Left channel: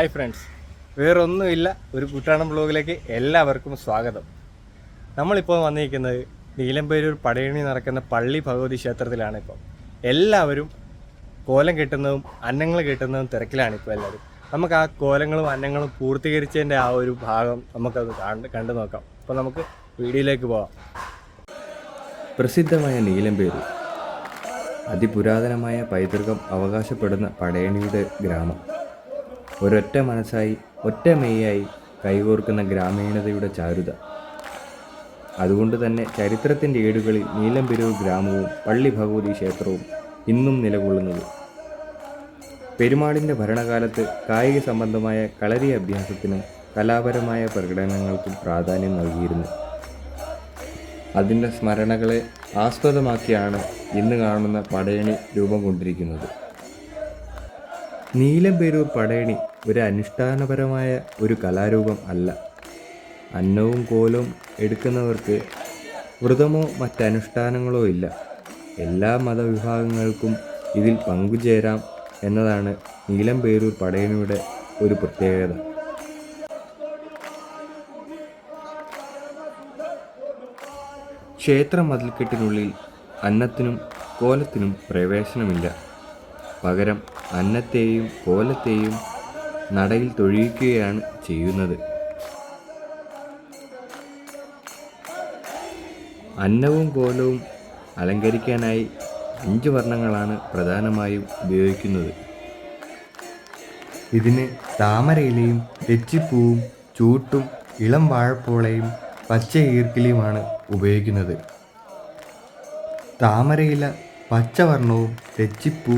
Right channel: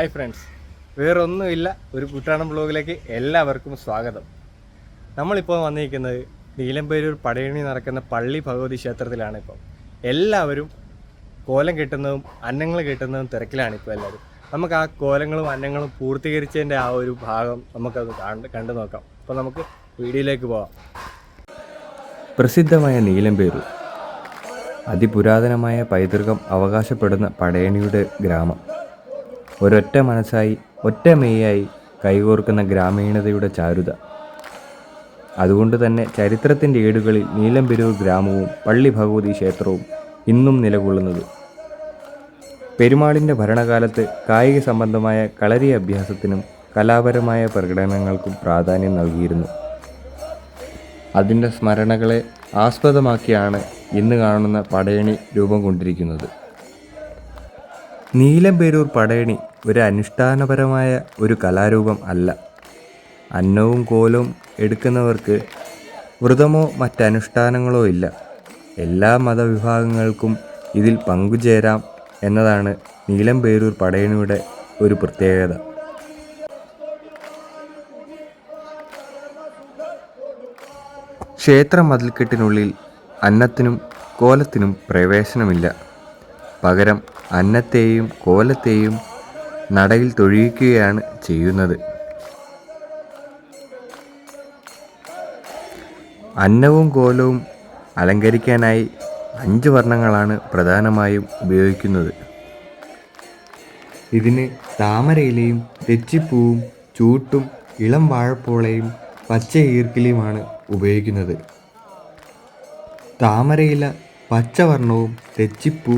Hi friends, വേറൊന്നുമില്ല, ഒരു കുട്ടാടൻ ബ്ലോഗിലേക്ക് എല്ലാവർക്കും സ്വാഗതം. നമ്മളിപ്പോൾ വന്നിരിക്കുന്നത് നീലമ്പേരൂർ പടയണി നടക്കുന്ന പള്ളി ഭഗവതി ക്ഷേത്രത്തിലാണ്. എല്ലാവരും കോലം കെട്ടുന്നതും അന്നങ്ങൾ കെട്ടുന്നതും തിരക്കിലാണിപ്പോൾ എല്ലാവരും. നമുക്ക് ആ കോലങ്ങളും അന്നങ്ങളും പൂർത്തീകരിച്ചതിൻ്റെ ആ ഒരു ഭാഗം നമുക്കത് കണ്ടു നോക്കാം. അപ്പോൾ നമുക്ക് വീഡിയോയിലേക്ക് പോകാം. പ്രസിദ്ധമായ നീലമ്പേരൂർ അതിപുരാതനമായ പൈതൃകം അവകാശപ്പെടുന്ന പടയണിയുടെ ഗ്രാമം. ഒരൊറ്റ മനസ്സായി ഒറ്റ മെയ്യായി കൈകോർക്കുന്ന ഗ്രാമീണതയുടെ ചാരുത. അതുകൊണ്ട് തന്നെ ചരിത്രത്തിൻ്റെ ഏടുകളിൽ നീലമ്പേരൂർ ഗ്രാമവും പള്ളി ഭഗവതി ക്ഷേത്രവും ഇന്നും നിലകൊള്ളുന്നത്. പെരുമാളിൻ്റെ ഭരണകാലത്ത് കായിക സംബന്ധമായ കളരി അഭ്യാസത്തിനും കലാപരമായ പ്രകടനങ്ങൾക്കും പ്രാധാന്യം നൽകിയിരുന്നു. അതിൻ്റെ സ്മരണകളെ ആസ്പദമാക്കിയാണ് ഇന്ന് കാണുന്ന പടയണി രൂപം കൊണ്ടിരിക്കുന്നത്. നീലമ്പേരൂർ പടയണി ഒരു അനുഷ്ഠാനപരമായ ഒരു കലാരൂപം അല്ല. അന്നവും കോലവും എടുക്കുന്നവർക്ക് വ്രതമോ മറ്റനുഷ്ഠാനങ്ങളോ ഇല്ല. എല്ലാ മതവിഭാഗങ്ങൾക്കും ഇതിൽ പങ്കുചേരാം എന്നതാണ് നീലമ്പേരൂർ പടയണിയുടെ ഒരു പ്രത്യേകത. ക്ഷേത്ര മതിൽക്കെട്ടിനുള്ളിൽ അന്നത്തിനും കോലത്തിനും പ്രവേശനമില്ല. പകരം അന്നത്തെയും കോലത്തെയും നടയിൽ തൊഴിയിക്കുകയാണ് ചെയ്യുന്നത്. അന്നവും കോലവും അലങ്കരിക്കാനായി 5 വർണ്ണങ്ങളാണ് പ്രധാനമായും ഉപയോഗിക്കുന്നത്. ഇതിന് താമരയിലയും തെച്ചിപ്പൂവും ചൂട്ടും ഇളം വാഴപ്പോളയും പച്ച ഈർക്കിലിയുമാണ് ഉപയോഗിക്കുന്നത്. താമരയില പച്ചവർണ്ണവും തെച്ചിപ്പൂ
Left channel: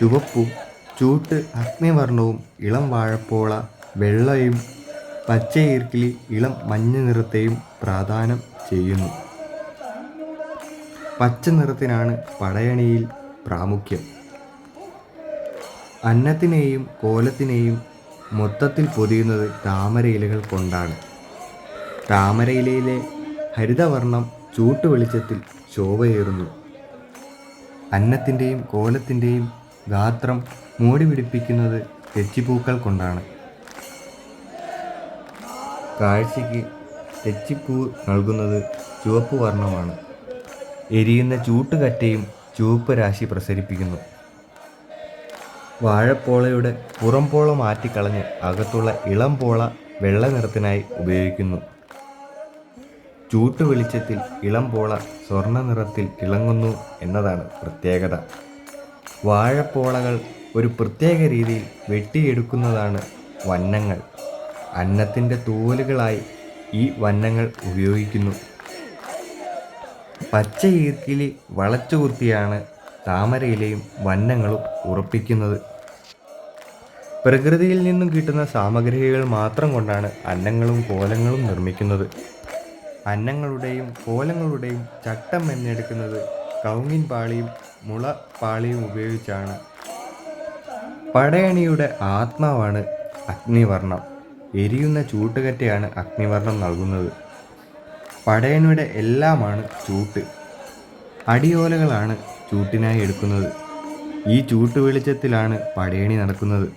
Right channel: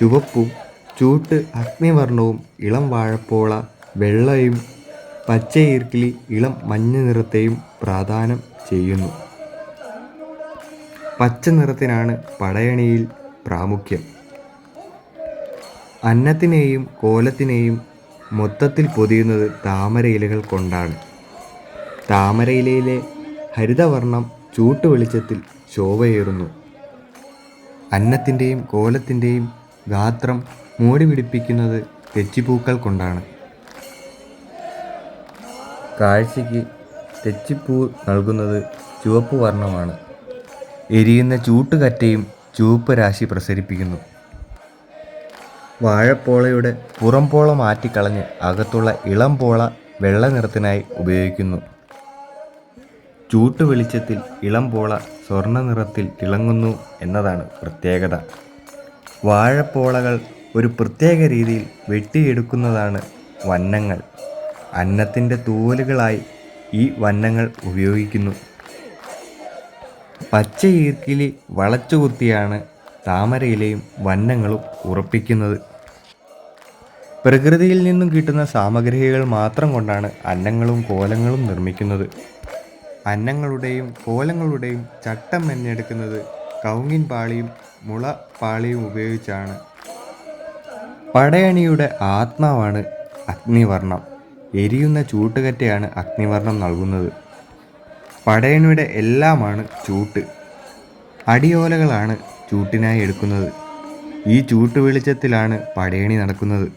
ചുവപ്പും ചൂട്ട് അഗ്നിവർണ്ണവും ഇളം വാഴപ്പോള വെള്ളയും പച്ച ഈർക്കിലി ഇളം മഞ്ഞ നിറത്തെയും പ്രാദാനം ചെയ്യുന്നു. പച്ച നിറത്തിനാണ് പടയണിയിൽ പ്രാമുഖ്യം. അന്നത്തിനെയും കോലത്തിനെയും മൊത്തത്തിൽ പൊതിയുന്നത് താമരയിലകൾ കൊണ്ടാണ്. താമരയിലയിലെ ഹരിതവർണ്ണം ചൂട്ട് വെളിച്ചത്തിൽ ശോഭയേറുന്നു. അന്നത്തിൻ്റെയും കോലത്തിൻ്റെയും ഗാത്രം മൂടി പിടിപ്പിക്കുന്നത് തെച്ചിപ്പൂക്കൾ കൊണ്ടാണ്. കാഴ്ചയ്ക്ക് തെച്ചിപ്പൂ നൽകുന്നത് ചുവപ്പ് വർണ്ണമാണ്. എരിയുന്ന ചൂട്ടുകറ്റയും ചുവപ്പ് രാശി പ്രസരിപ്പിക്കുന്നു. വാഴപ്പോളയുടെ പുറംപോള മാറ്റിക്കളഞ്ഞ് അകത്തുള്ള ഇളം പോള വെള്ള നിറത്തിനായി ഉപയോഗിക്കുന്നു. ചൂട്ട് വെളിച്ചത്തിൽ ഇളം പോള സ്വർണ്ണ നിറത്തിൽ തിളങ്ങുന്നു എന്നതാണ് പ്രത്യേകത. വാഴപ്പോളകൾ ഒരു പ്രത്യേക രീതിയിൽ വെട്ടിയെടുക്കുന്നതാണ് വന്നങ്ങൾ. അന്നത്തിൻ്റെ തൂവലുകളായി ഈ വന്നങ്ങൾ ഉപയോഗിക്കുന്നു. പച്ച ഈർക്കിലി വളച്ചുകുത്തിയാണ് താമരയിലെയും വന്നങ്ങളും ഉറപ്പിക്കുന്നത്. പ്രകൃതിയിൽ നിന്നും കിട്ടുന്ന സാമഗ്രികൾ മാത്രം കൊണ്ടാണ് അന്നങ്ങളും കോലങ്ങളും നിർമ്മിക്കുന്നത്. അന്നങ്ങളുടെയും കോലങ്ങളുടെയും ചട്ടം മെനഞ്ഞെടുക്കുന്നത് കവുങ്ങിൻ പാളിയും മുള പാളിയും ഉപയോഗിച്ചാണ്. പടയണിയുടെ ആത്മാവാണ് അഗ്നിവർണ്ണം. എരിയുന്ന ചൂട്ടുകറ്റയാണ് അഗ്നിവർണ്ണം നൽകുന്നത്. പടയണിയുടെ എല്ലാമാണ് ചൂട്ട്. അടിയോലകളാണ് ചൂട്ടിനായി എടുക്കുന്നത്. ഈ ചൂട്ട് വെളിച്ചത്തിലാണ് പടയണി നടക്കുന്നത്.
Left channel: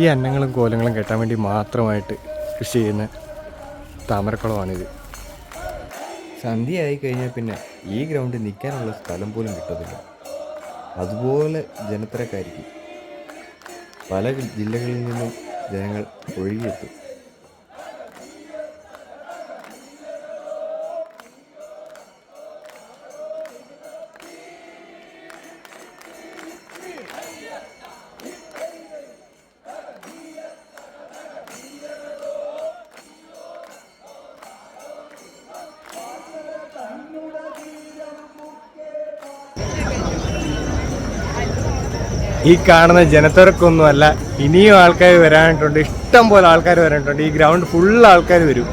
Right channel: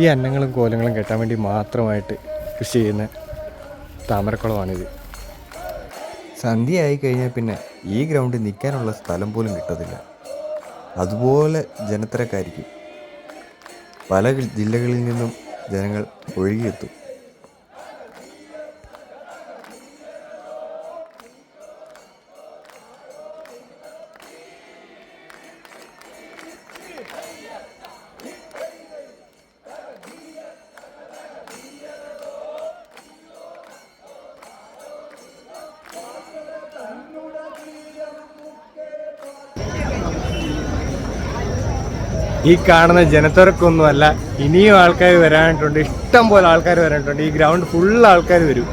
ഈ അന്നങ്ങളും കോലങ്ങളും കെട്ടാൻ വേണ്ടി മാത്രമായിട്ട് കൃഷി ചെയ്യുന്ന താമരക്കുളമാണിത്. സന്ധ്യയായി കഴിഞ്ഞാൽ പിന്നെ ഈ ഗ്രൗണ്ടിൽ നിൽക്കാനുള്ള സ്ഥലം പോലും കിട്ടത്തില്ല. അതുപോലെ ജനത്തിരക്കായിരിക്കും. പല ജില്ലകളിൽ നിന്നും ജനങ്ങൾ ഒഴുകിയെത്തും. ഈ കാണുന്ന ജനത്തിരക്കൊന്നുമല്ല, ഇനിയും ആൾക്കാർ വരാനായിട്ടുണ്ട്. ഇഷ്ടം പോലെ ആൾക്കാർ വരാനായിട്ടുണ്ട്. ഈ ഗ്രൗണ്ട് ഫുള്ള് ആൾക്കാർ വരും.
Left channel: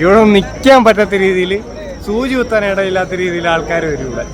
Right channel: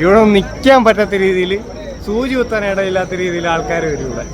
ഇവിടെ നിൽക്കാൻ പറ്റാത്ത രീതിയിൽ, സൂചി കുത്താൻ ഇടയില്ലാത്ത രീതിയിൽ ആൾക്കാർ വരും ഇവിടെ.